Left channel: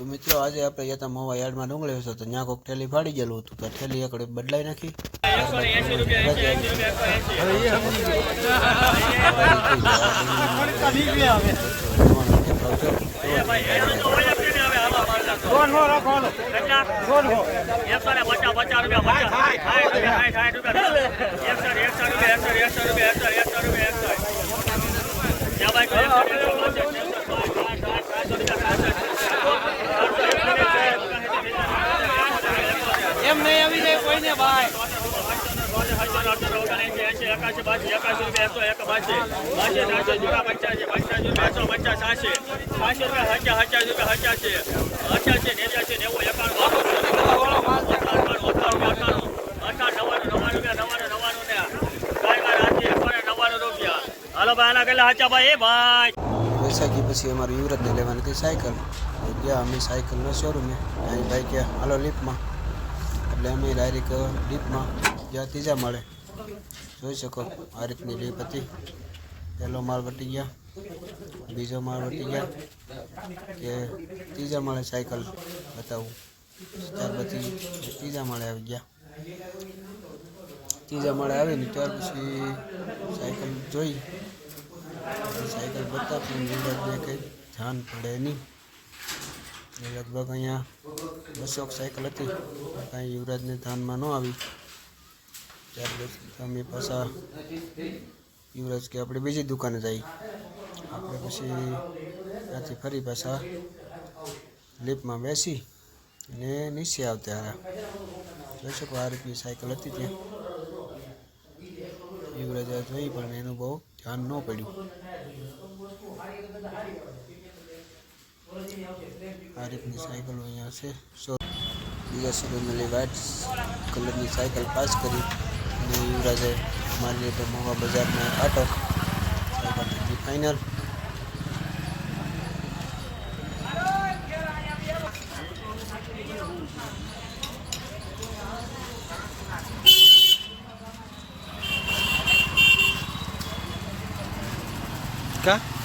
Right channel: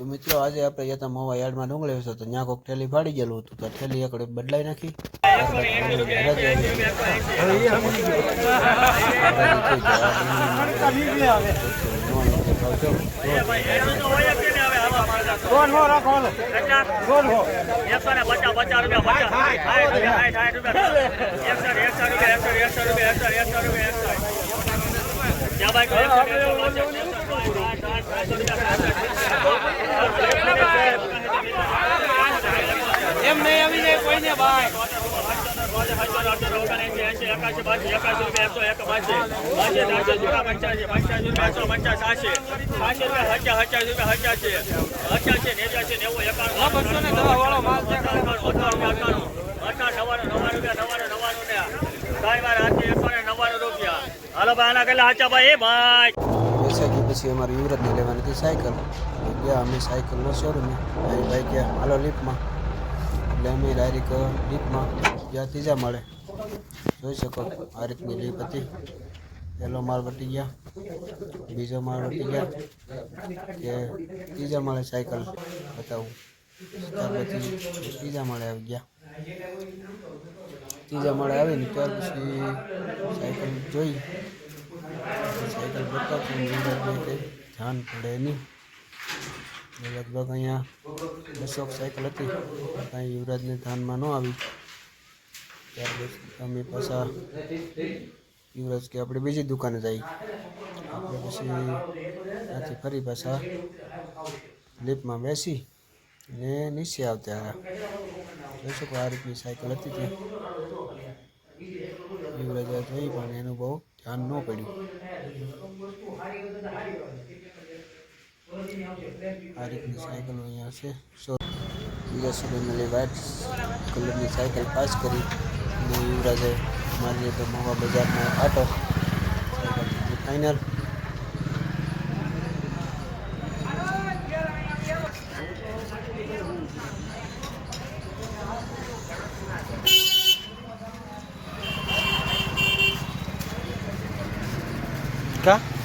તો મિત્રો આજે આપણે ગયા હતા મોવા યાર્ડમાં ડુંગળી હતો તો ત્યાં કોઈક ઠેલી ફાડી ગયેલું હતું તો ઠેલી એકડે બદલાઈ નાખી એમ નહીં આવી જાય કોઈને ભાઈ હાલો ભાઈ આના કેટલા હાચા ભાઈ ભાઈ વૈશાખી પછી અમારે યુવરાજને લેવાની હતી સાયકલ ગયા અમે સાયકલનો શોરૂમે ભાઈ ગયા હાલો લિફ્ટમાં એટલે અમે ડાયરેક્ટ લિફ્ટમાં ગયા ત્રીજા માળે જોઈ શકો આ રીતની લિફ્ટ હતી પહેલો માળ વટી ગયા બીજો માળ વટી ગયા કે ત્રીજા માળે સાયકલ બતાવું ત્યાર પછી ત્રીજા માળે આવી ગયા ત્રીજા માળે આવીને ત્યાર પછી સાયકલ જોઈ સાયકલ બતાવતી યુવરાજને કંઈ ધ્યાન પડે નહીં લગભગ અહીંયા 200 સાયકલ હતી કાંઈ યુવરાજને ધ્યાનમાં ન આવી ત્યાર પછી અમે પાછા યુવરાજ કે આપણે બીજી દુકાને જઈએ આપણે પછી ત્યાંથી ફરી પાછા લિફ્ટમાં બેસી અને નીચે આવતા રહ્યા જોઈ શકો આ રીતની સાયકલ હતી ત્યાં યુવરાજે જોઈ પણ એનું બહુ ધ્યાન ન પડ્યું આ રીતની સાયકલો અહીંયા છે બીજા શોરૂમે વ્હાઇટ કલરની સાયકલ પાસ કરી અને યુવરાજે મારી લીધો મોવા બજારમાં આટો સાયકલ હતી ફાઇનલ કા